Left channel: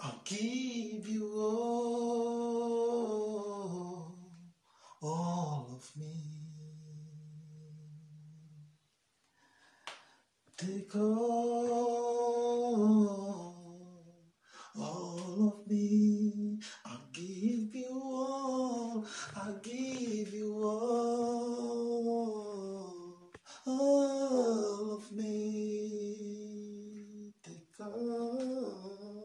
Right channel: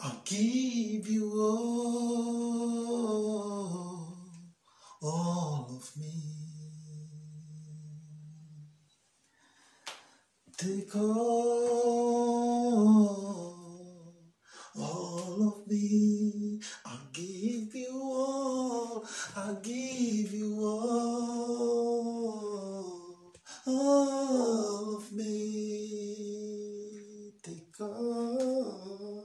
I'll give you all of me. Take all of me. I'll give you all. I'll give you all of me. Take all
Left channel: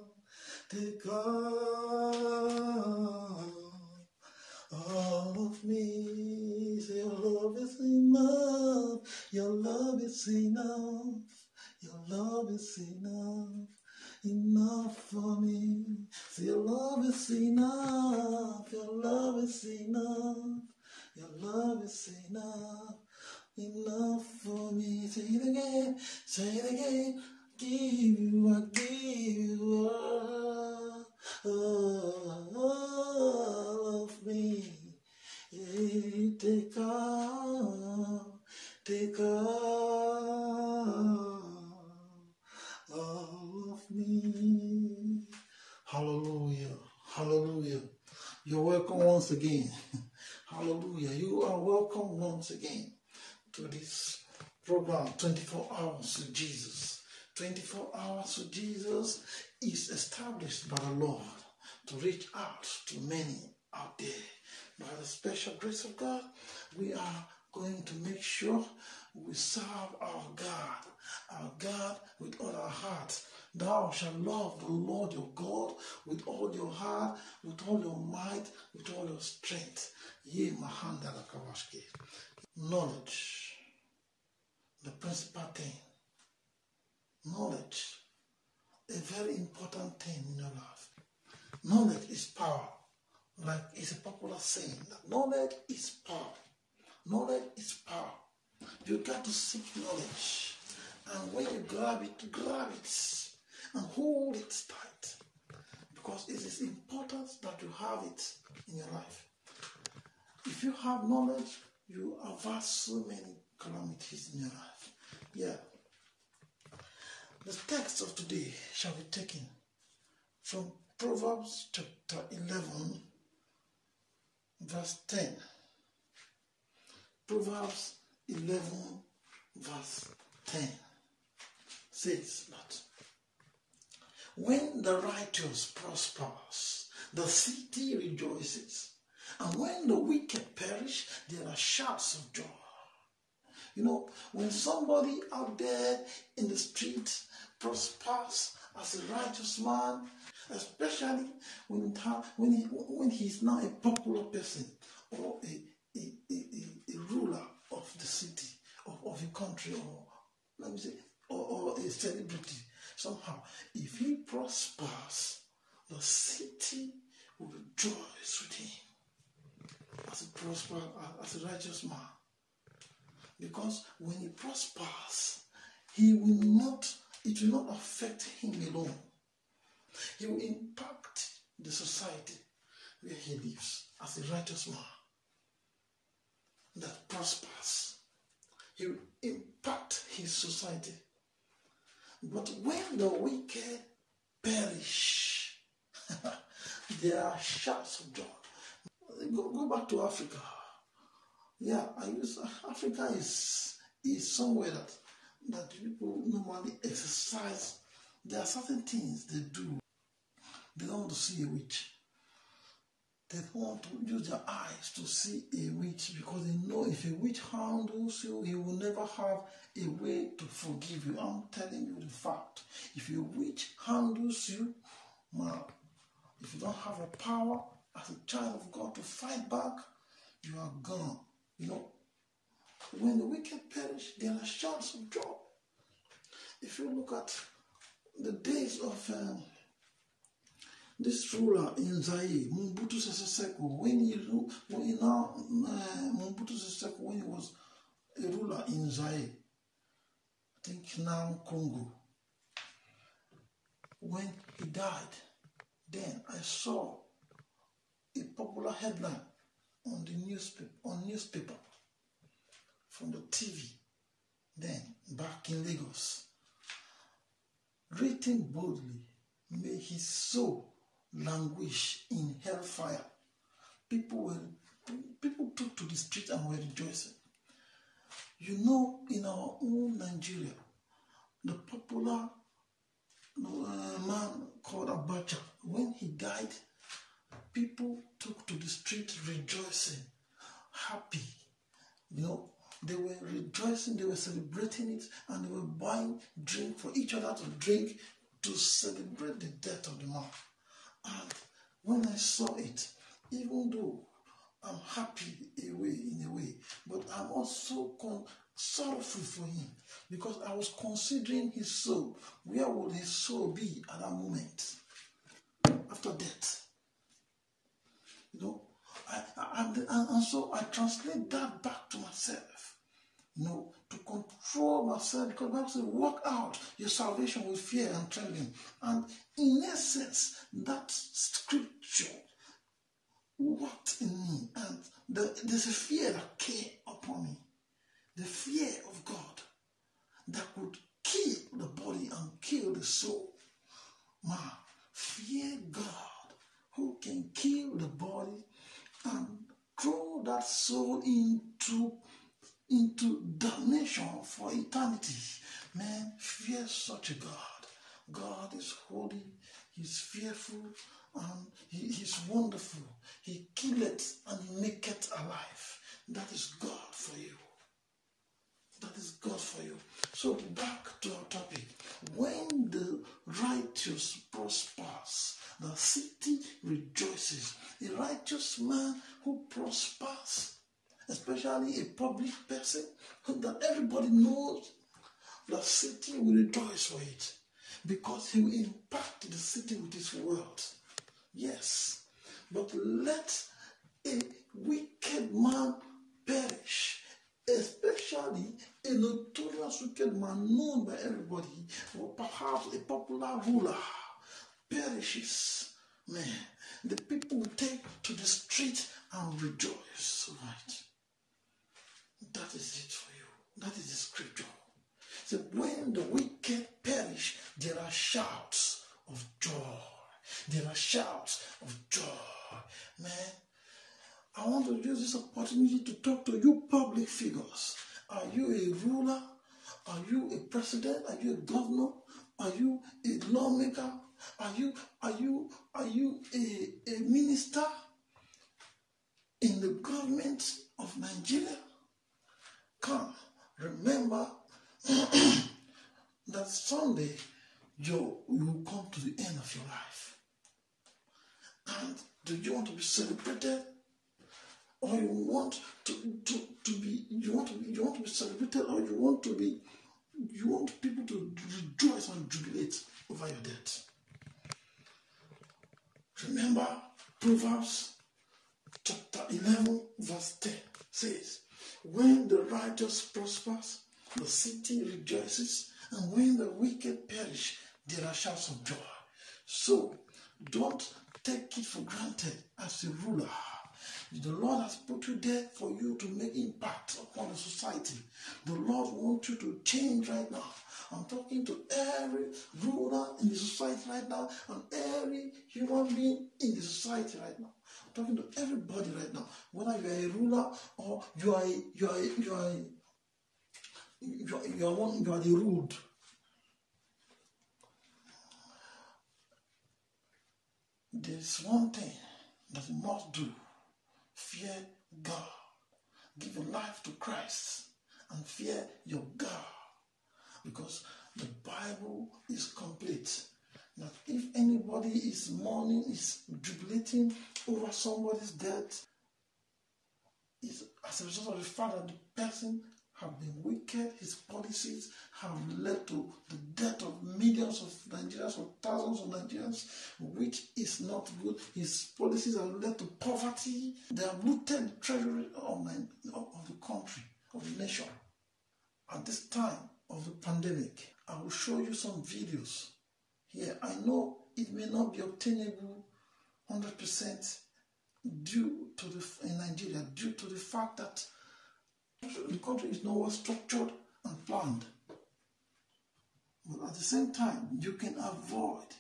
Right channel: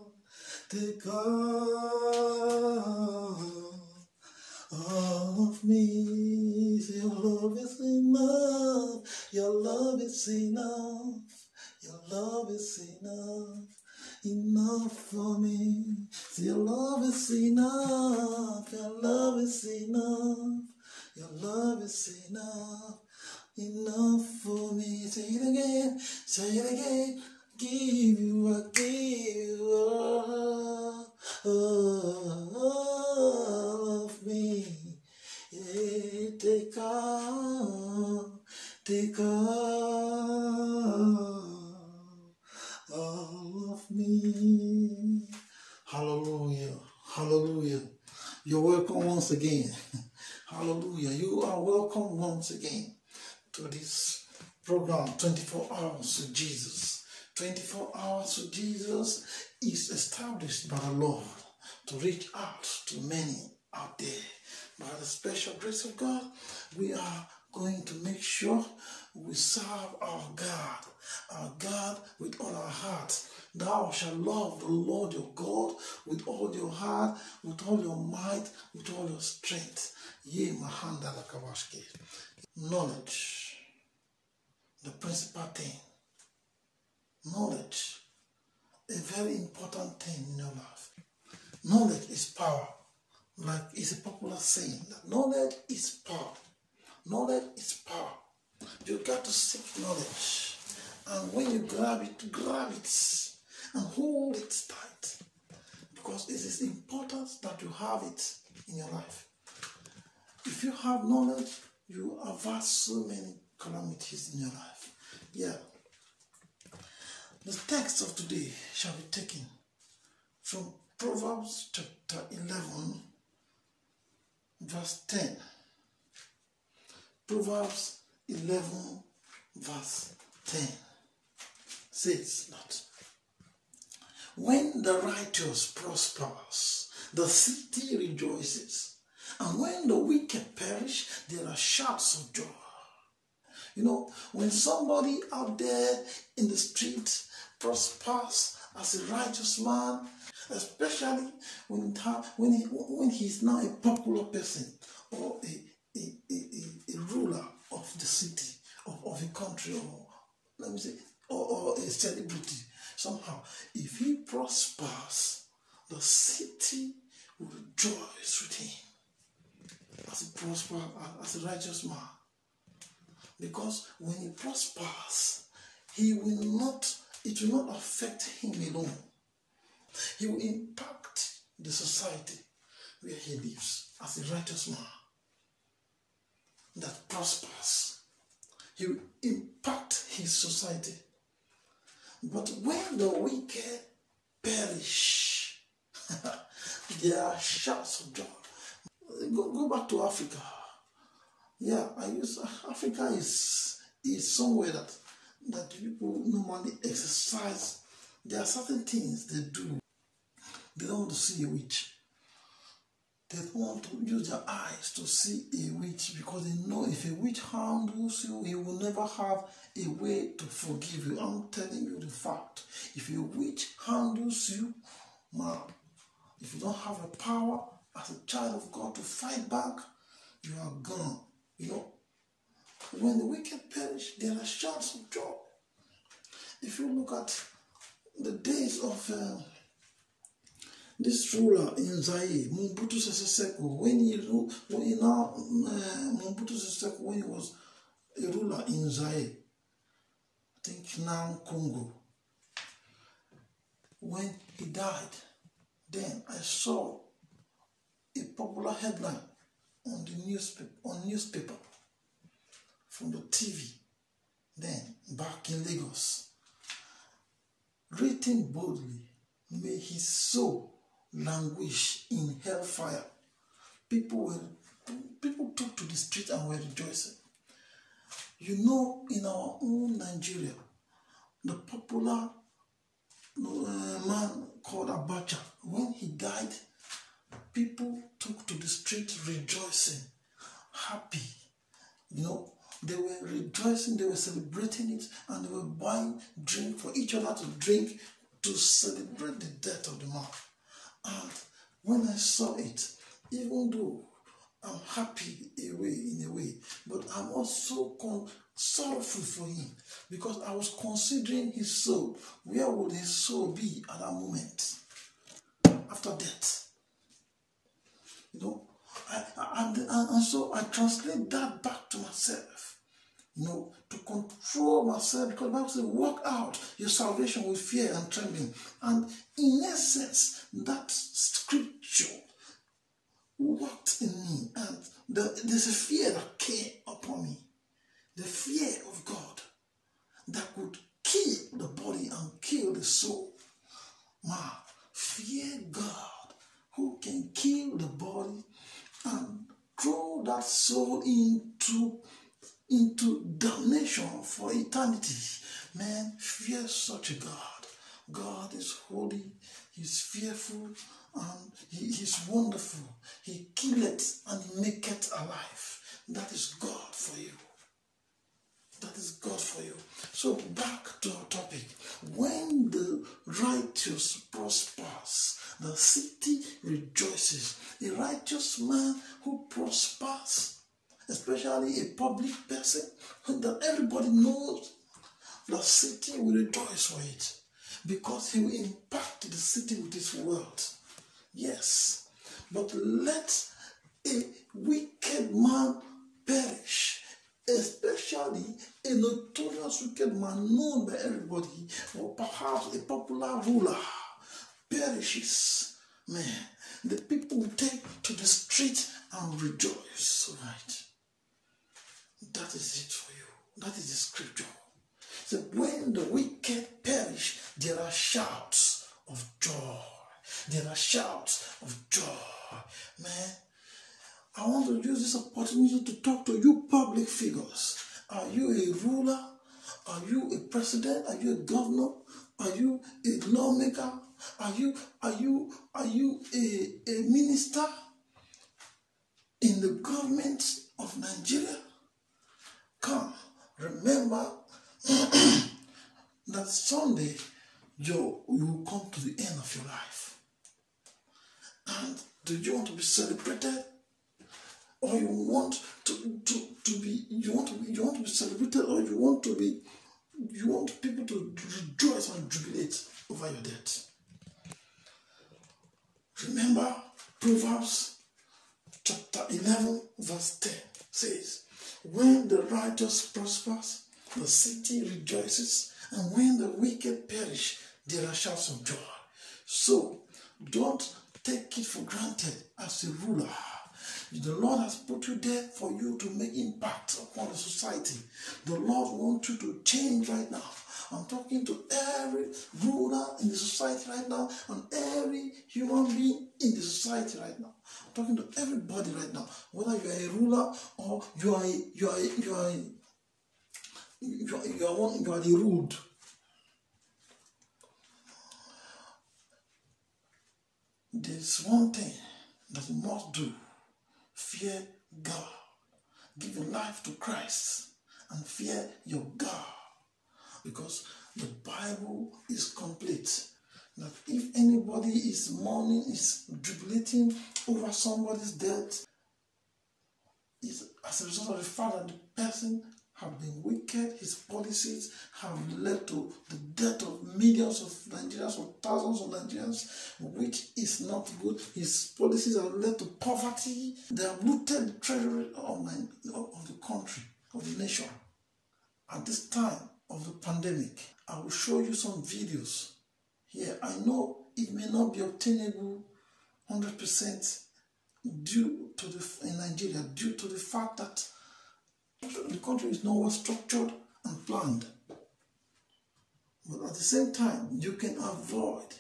of me. Your love is enough. Your love is enough. Your love is enough for me. Your love is enough. Your love is enough. Your love is enough for me. Say it again. Say it again. I give you all of me. Yeah, take all of me. Hallelujah. Hallelujah. You're welcome once again. Hallelujah. You are welcome once again to this program, 24 Hours with Jesus. 24 Hours with Jesus is established by the Lord to reach out to many out there. By the special grace of God, we are going to make sure we serve our God with all our hearts. Thou shalt love the Lord your God with all your heart, with all your might, with all your strength. Ye mahanda la kabashke. Knowledge, the principal thing. Knowledge, a very important thing in your life. Knowledge is power. Like it's a popular saying that knowledge is power. Knowledge is power. You got to seek knowledge. And when you grab it and hold it tight. Because it is important that you have it in your life. If you have knowledge, you avert so many calamities in your life. Yeah. The text of today shall be taken from Proverbs chapter 11, verse 10. Proverbs 11, verse 10 says that when the righteous prospers, the city rejoices. And when the wicked perish, there are shouts of joy. You know, when somebody out there in the street prospers as a righteous man, especially when he's now a popular person or a ruler of the city, of a country, or let me say, or a celebrity, somehow, if he prospers, the city will rejoice with him as he prospers, as a righteous man. Because when he prospers, it will not affect him alone. He will impact the society where he lives as a righteous man that prospers. He will impact his society. But when the wicked perish, there are shouts of joy. Go back to Africa. Yeah, Africa is somewhere that people normally exercise. There are certain things they do. They don't want to see a witch. They don't want to use their eyes to see a witch because they know if a witch handles you, he will never have a way to forgive you. I'm telling you the fact. If a witch handles you, man, if you don't have a power as a child of God to fight back, you are gone. You know, when the wicked perish, there are shouts of joy. If you look at the days of this ruler in Zaire, Mobutu Sese Seko, when he was a ruler in Zaire, I think now Congo, when he died, then I saw a popular headline on the newspaper from the TV, then back in Lagos, written boldly, may his soul languish in hellfire. People took to the street and were rejoicing. You know, in our own Nigeria, the popular man called Abacha, when he died, people took to the street rejoicing, happy. You know, they were rejoicing, they were celebrating it, and they were buying drink for each other to drink to celebrate the death of the man. And when I saw it, even though I'm happy in a way, but I'm also sorrowful for him, because I was considering his soul. Where would his soul be at that moment after death? You know, and so I translate that back to myself, you know, to control myself, because the Bible says, work out your salvation with fear and trembling. And in essence, that scripture worked in me, and there's a fear that came upon me, the fear of God that could kill the body and kill the soul. Man, fear God who can kill the body and throw that soul into damnation for eternity. Man, fear such a God. God is holy, he's fearful, and he is wonderful. He killeth and he maketh alive. That is God for you. That is God for you. So back to our topic. When the righteous prospers, the city rejoices. A righteous man who prospers, especially a public person, that everybody knows, the city will rejoice for it, because he will impact the city with his word. Yes, but let a wicked man perish, especially a notorious wicked man known by everybody, or perhaps a popular ruler, perishes. Man, the people will take to the street and rejoice. Right? That is it for you. That is the scripture. So when the wicked perish, there are shouts of joy. There are shouts of joy. Man, I want to use this opportunity to talk to you public figures. Are you a ruler? Are you a president? Are you a governor? Are you a lawmaker? Are you a minister in the government of Nigeria? Come, remember that someday you will come to the end of your life. And do you want to be celebrated, or you want to be celebrated, or you want people to rejoice and jubilate over your death? Remember, Proverbs chapter 11 verse 10 says, when the righteous prospers, the city rejoices, and when the wicked perish, there are shouts of joy. So don't take it for granted as a ruler. The Lord has put you there for you to make impact upon the society. The Lord wants you to change right now. I'm talking to every ruler in the society right now, and every human being in the society right now. I'm talking to everybody right now, whether you are a ruler or you are the ruled. There's one thing that you must do. Fear God. Give your life to Christ and fear your God. Because the Bible is complete. That if anybody is mourning, is jubilating over somebody's death, is as a result of the fact that the person have been wicked, his policies have led to the death of millions of Nigerians or thousands of Nigerians, which is not good. His policies have led to poverty. They have looted the treasury of the country, of the nation. At this time of the pandemic, I will show you some videos here. I know it may not be obtainable 100% in Nigeria, due to the fact that the country is not well structured and planned. But at the same time, you can avoid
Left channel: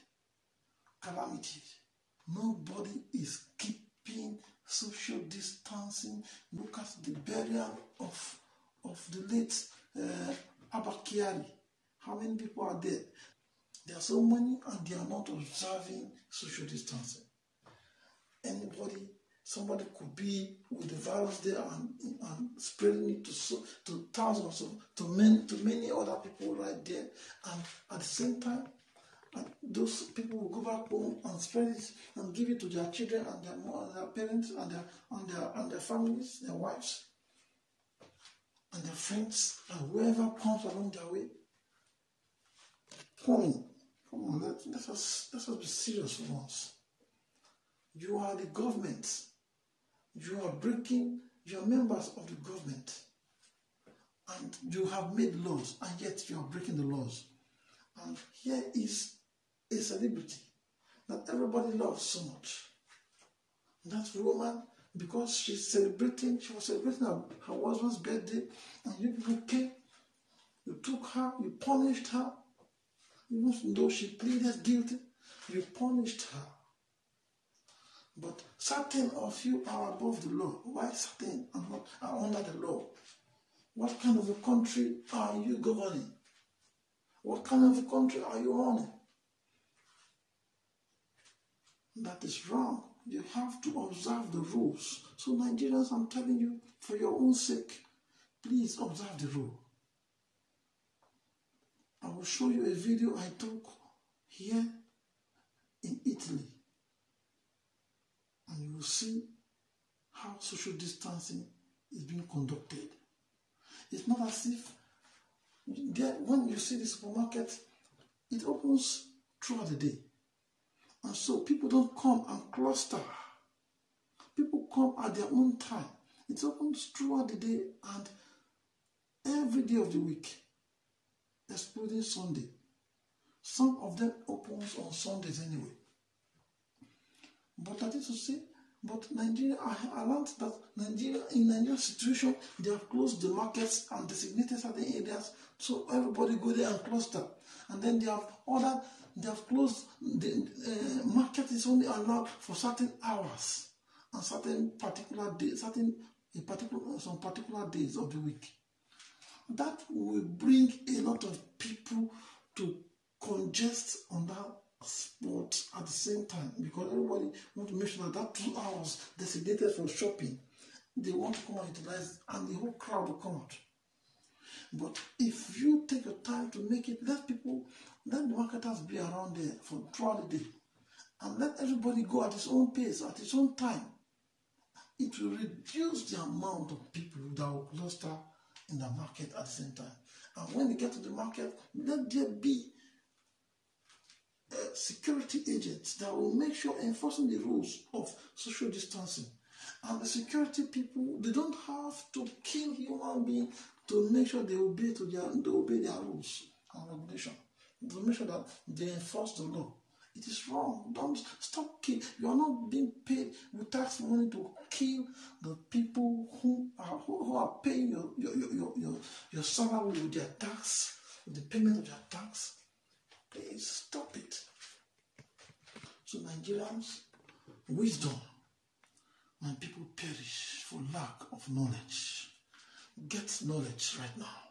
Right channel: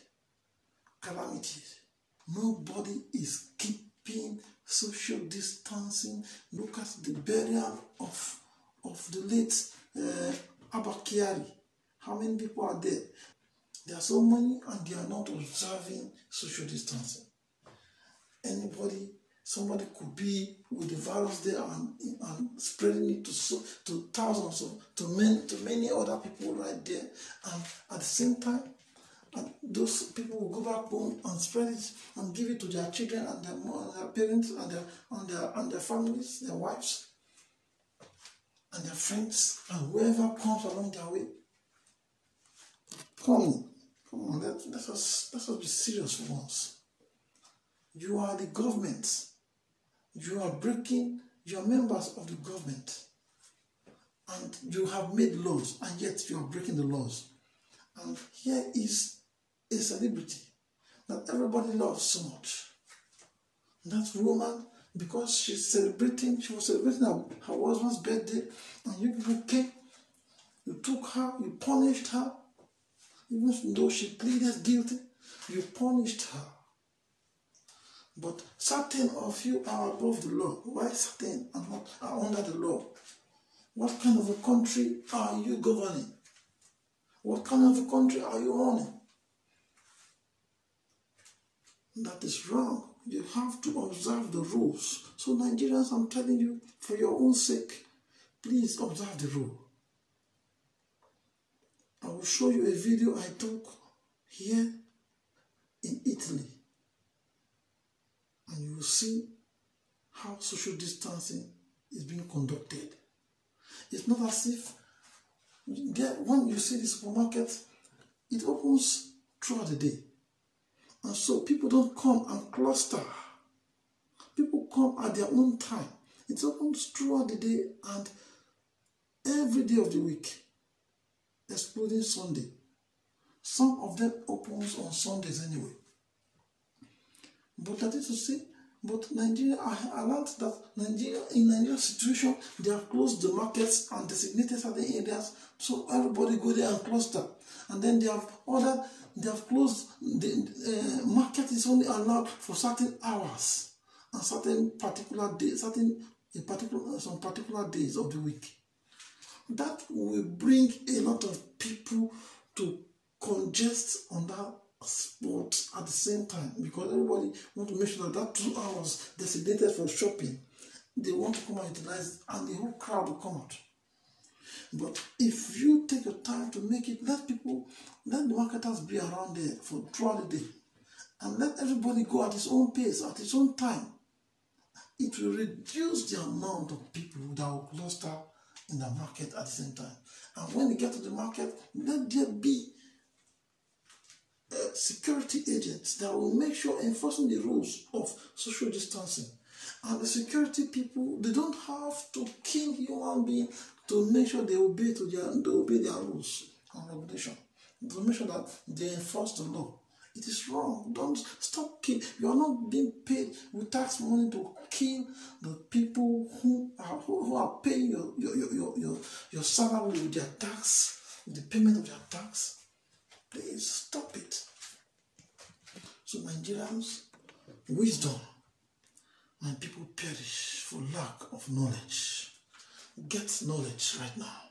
calamities. Nobody is keeping social distancing. Look at the burial of the late Abba Kyari. How many people are there? There are so many and they are not observing social distancing. Somebody could be with the virus there and spreading it to thousands to many other people right there. And at the same time, those people will go back home and spread it and give it to their children and their parents and their families, their wives, and their friends, and whoever comes along their way. Come on, let us be serious once. You are the government. You are members of the government. And you have made laws, and yet you are breaking the laws. And here is a celebrity that everybody loves so much. That woman, because she was celebrating her husband's birthday, and you people came, you took her, you punished her, even though she pleaded guilty, you punished her. But certain of you are above the law. Why certain are under the law? What kind of a country are you governing? What kind of a country are you running? That is wrong. You have to observe the rules. So Nigerians, I'm telling you, for your own sake, please observe the rule. I will show you a video I took here in Italy. And you will see how social distancing is being conducted. It's not as if when you see the supermarket, it opens throughout the day. And so people don't come and cluster. People come at their own time. It opens throughout the day and every day of the week, excluding Sunday. Some of them opens on Sundays anyway. But that is to say, but Nigeria, I learned that in Nigeria's situation, they have closed the markets and designated certain areas, so everybody go there and cluster. And then they have closed the market is only allowed for certain hours and certain particular days, some particular days of the week. That will bring a lot of people to congest on that spot at the same time, because everybody wants to make sure that 2 hours designated for shopping, they want to come and utilize it, and the whole crowd will come out. But if you take your time to make it, let the marketers be around there for throughout the day, and let everybody go at his own pace, at his own time, it will reduce the amount of people that will cluster in the market at the same time. And when they get to the market, let there be security agents that will make sure enforcing the rules of social distancing. And the security people, they don't have to kill human beings to make sure they obey their rules and regulation. To make sure that they enforce the law. It is wrong. Don't stop killing. You are not being paid with tax money to kill the people who are paying your salary with their tax, with the payment of their tax. Please stop it. So Nigerians, wisdom, my people perish for lack of knowledge. Get knowledge right now.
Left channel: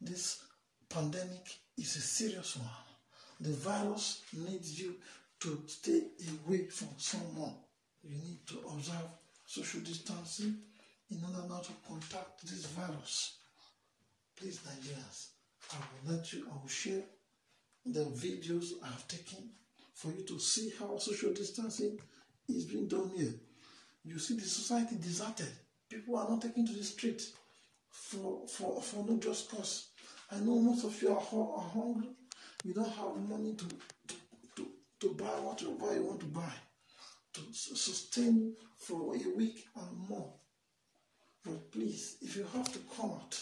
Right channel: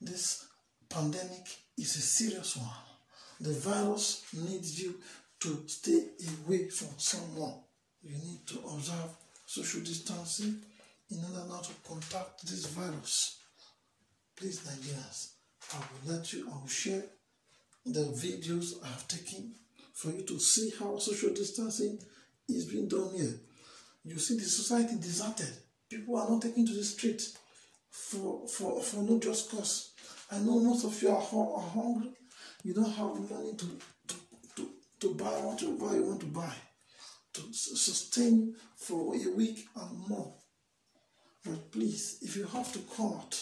This pandemic is a serious one. The virus needs you to stay away from someone. You need to observe social distancing in order not to contact this virus. Please, Nigerians, I will share the videos I have taken for you to see how social distancing is being done here. You see the society deserted. People are not taken to the street for no just cause. I know most of you are hungry. You don't have money to buy whatever you want to buy, to sustain for a week and more. But please, if you have to come out,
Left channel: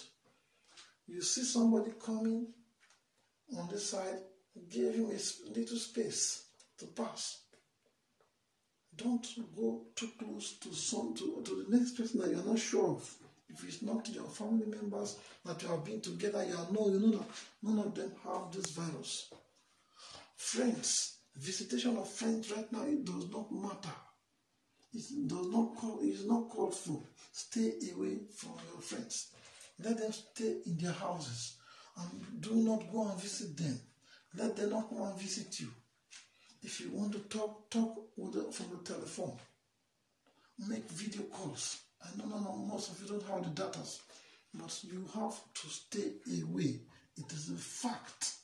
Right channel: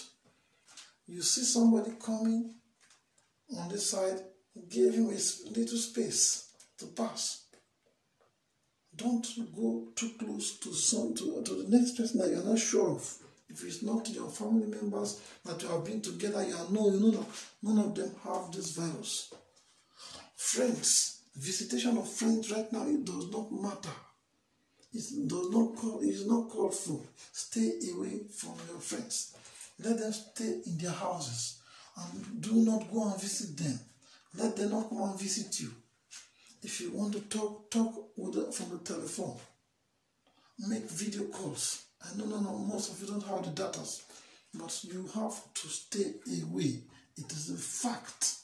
you see somebody coming on this side, give him a little space to pass. Don't go too close to the next person that you are not sure of. If it's not your family members that you have been together, you know that none of them have this virus. Friends, Visitation of friends right now, it does not matter. It's not called for. Stay away from your friends. Let them stay in their houses and do not go and visit them. Let them not come and visit you. If you want to talk with them from the telephone. Make video calls. I know most of you don't have the data, but you have to stay away. It is a fact.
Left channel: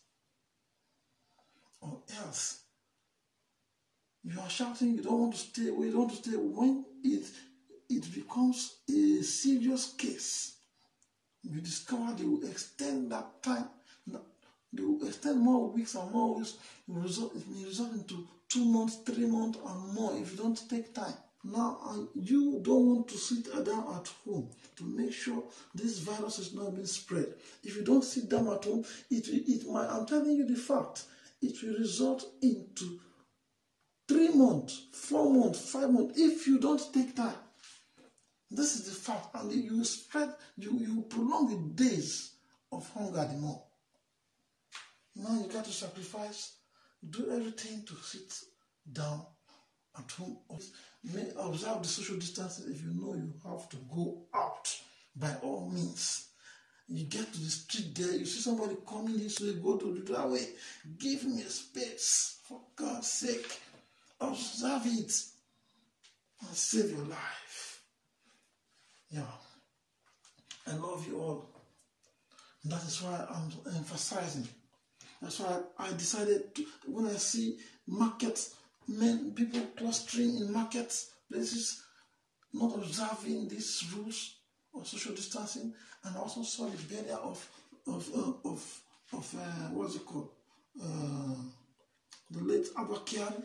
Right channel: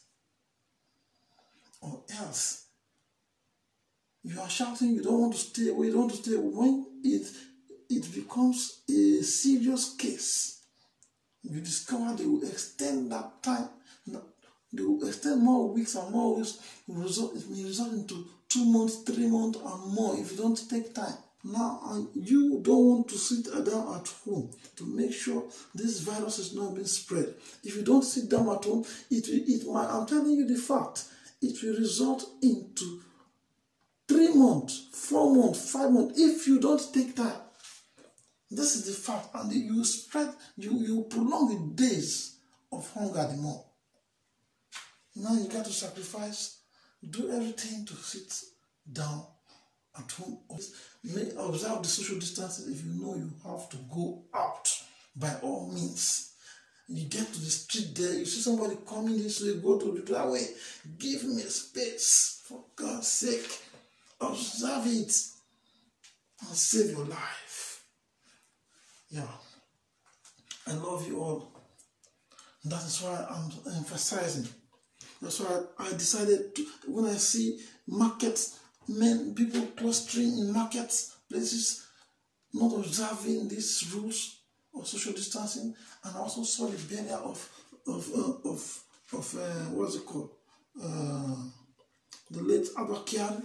Or else, you are shouting, you don't want to stay away, you don't want to stay away. When it becomes a serious case, you discover they will extend that time, they will extend more weeks and more weeks, it may result into 2 months, 3 months and more if you don't take time. Now, you don't want to sit down at home to make sure this virus is not being spread. If you don't sit down at home, I'm telling you the fact, it will result into 3 months, 4 months, 5 months, if you don't take time. This is the fact, and you spread, you prolong the days of hunger the more. Now you got to sacrifice, do everything to sit down at home. Observe the social distancing if you know you have to go out by all means. You get to the street there, you see somebody coming this way, go to the other way. Give me space, for God's sake. Observe it and save your life. Yeah. I love you all. That is why I'm emphasizing. That's why I decided to, when I see markets, people clustering in markets, places, not observing these rules of social distancing, and I also saw the burial of what's it called, the late Abakian,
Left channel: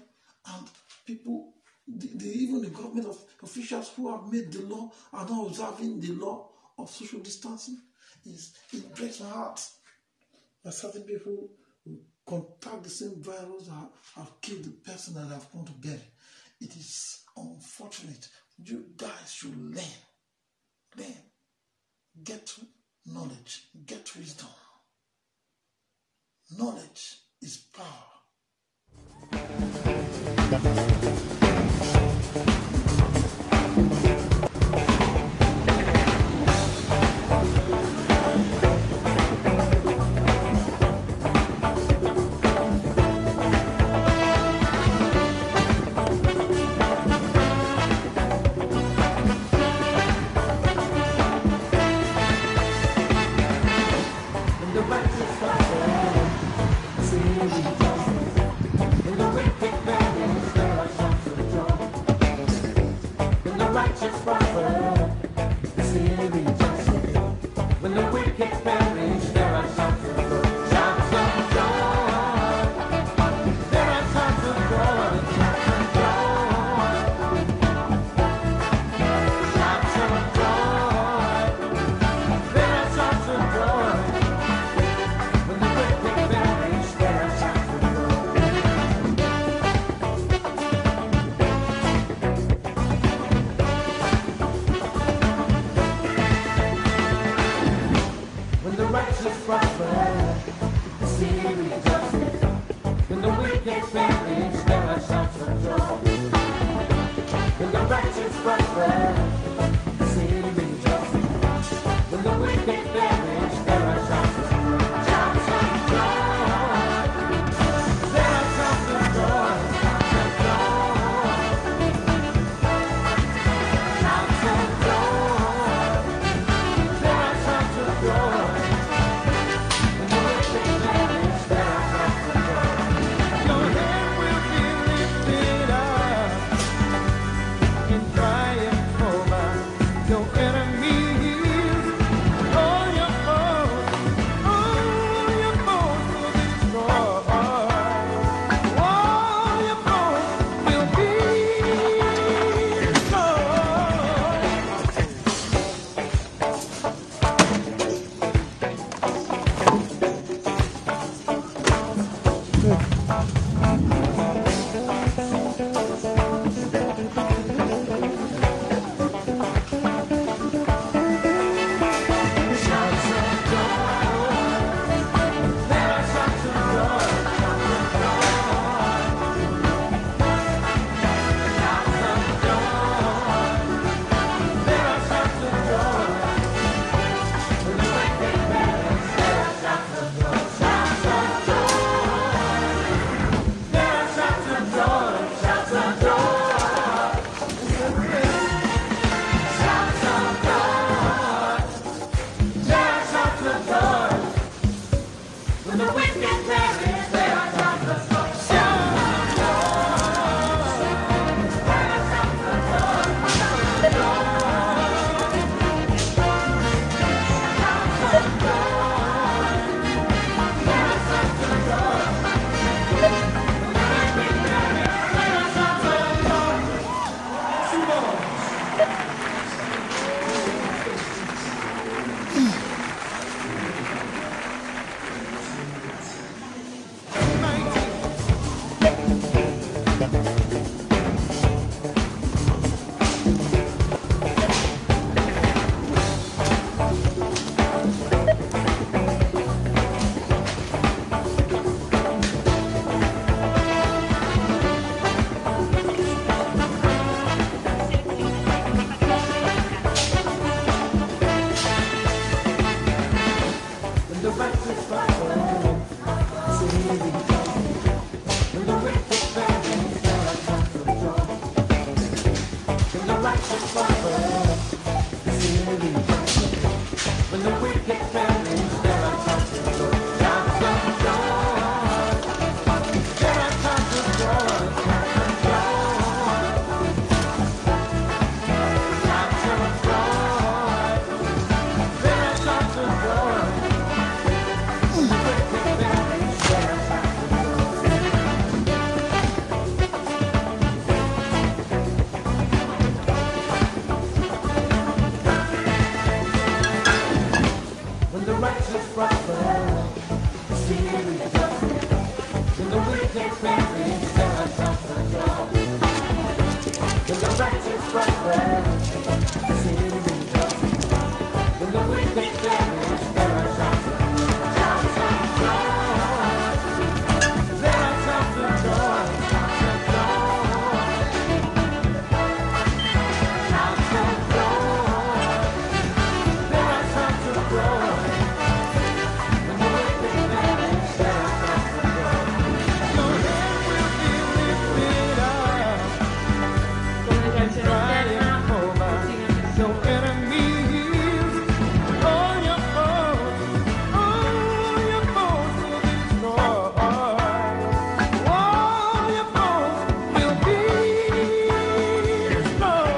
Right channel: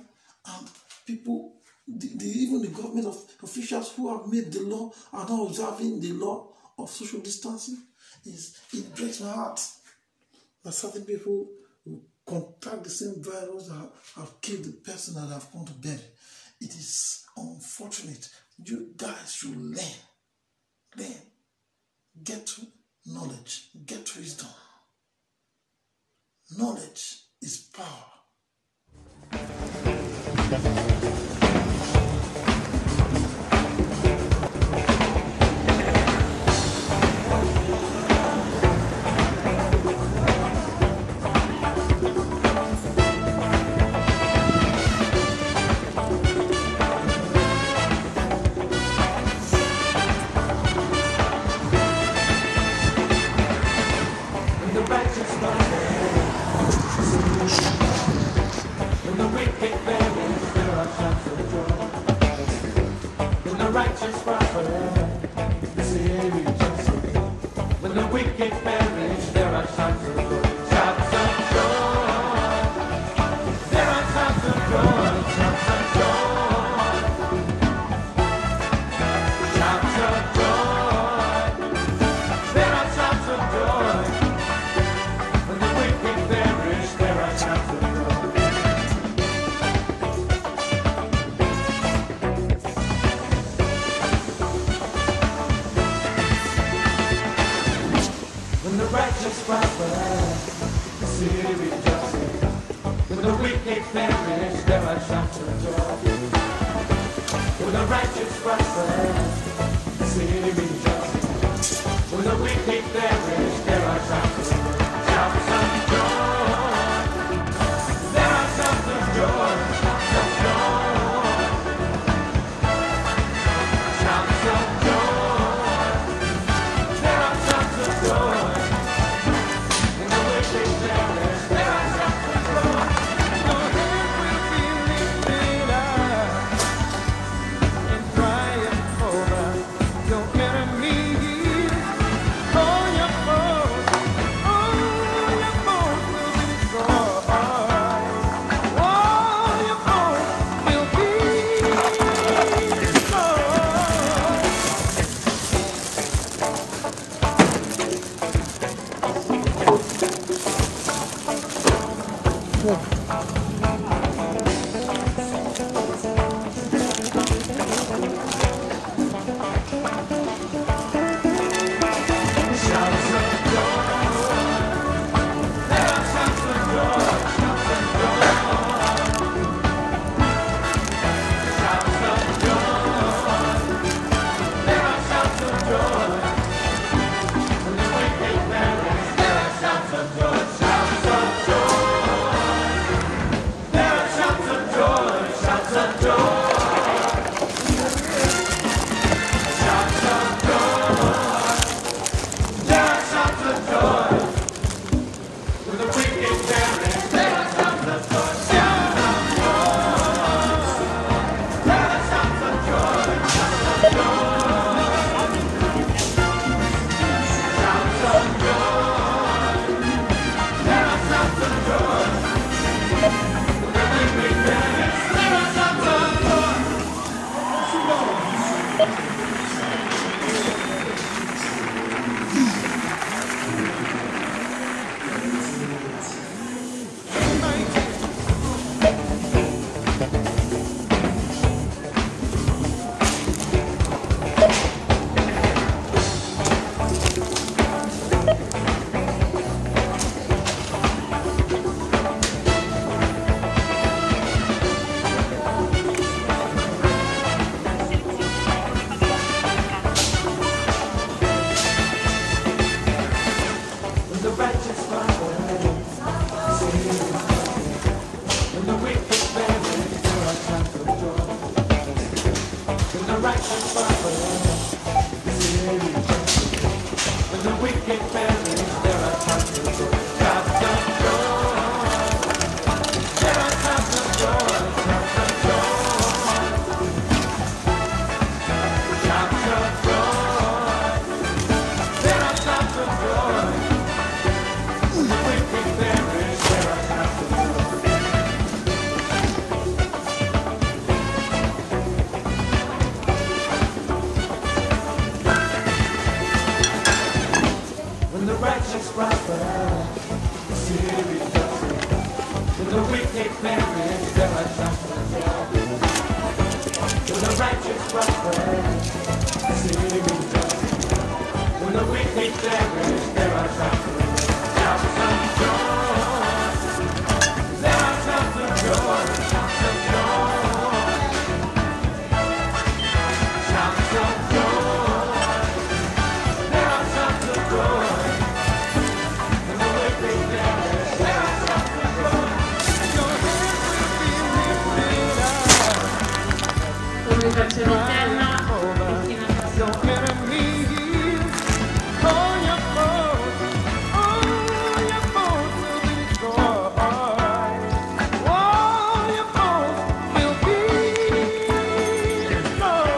and people, even the government officials who have made the law are not observing the law of social distancing. It breaks my heart that certain people who contact the same virus that have killed the person that have come to bury. It is unfortunate. You guys should learn. Get knowledge, get wisdom. Knowledge is power. Your enemies, all your the righteous prosper, when the wicked perish, there are times of joy. When the righteous prosper, when the wicked perish, there are times of joy. Shouts of joy. There are times of joy. Shouts of joy. Shouts of joy. There are times of joy. When the wicked perish, there are times of joy. When the righteous prosper, the city rejoices. When the wicked perish, there are times of joy. When the righteous prosper, the city rejoices. When the wicked perish, there are times of joy. Shouts of joy. There are times of joy. Shouts of joy. Shouts of joy. There are times of joy. When the wicked perish, there are times of joy. Your head will be lifted up. Triumph over your enemies. All your foes will be destroyed. All your foes will be destroyed.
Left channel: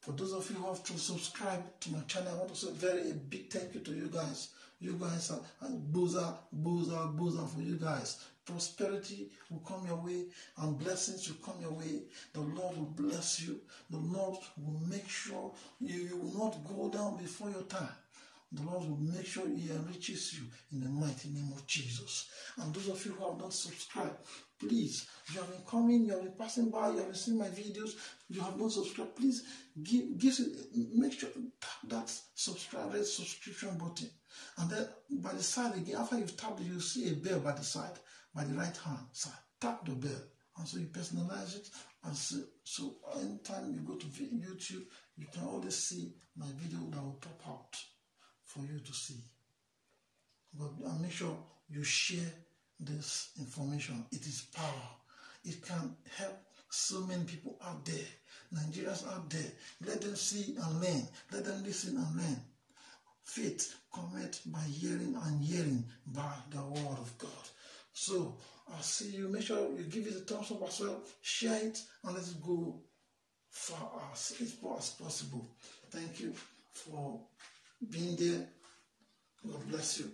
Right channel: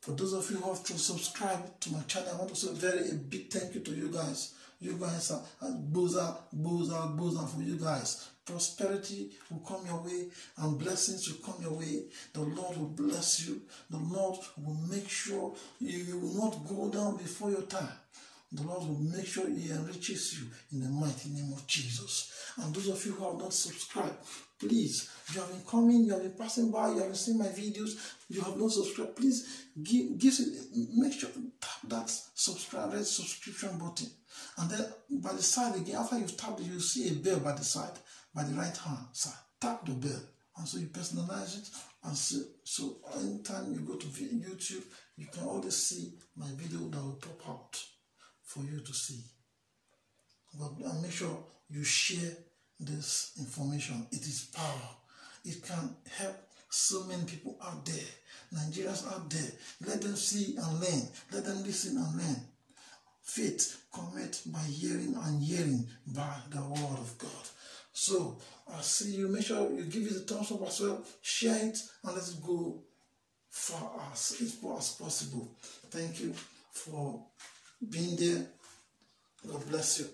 For those of you who have to subscribe to my channel, I want to say a big thank you to you guys. You guys are boozer for you guys. Prosperity will come your way and blessings will come your way. The Lord will bless you. The Lord will make sure you will not go down before your time. The Lord will make sure He enriches you in the mighty name of Jesus. And those of you who have not subscribed, please, you have been coming, you have been passing by, you have been seeing my videos, you have not subscribed, please make sure tap that subscription button. And then by the side again, after you've tapped it, you'll see a bell by the side, by the right hand side. Tap the bell. And so you personalize it. And so anytime you go to YouTube, you can always see my video that will pop out for you to see. But make sure you share this information. It is power. It can help so many people out there, Nigerians out there. Let them see and learn. Let them listen and learn. Faith cometh by hearing, and hearing by the word of God. So I'll see you. Make sure you give it a thumbs up as well. Share it and let it go far as possible. Thank you for being there. God bless you.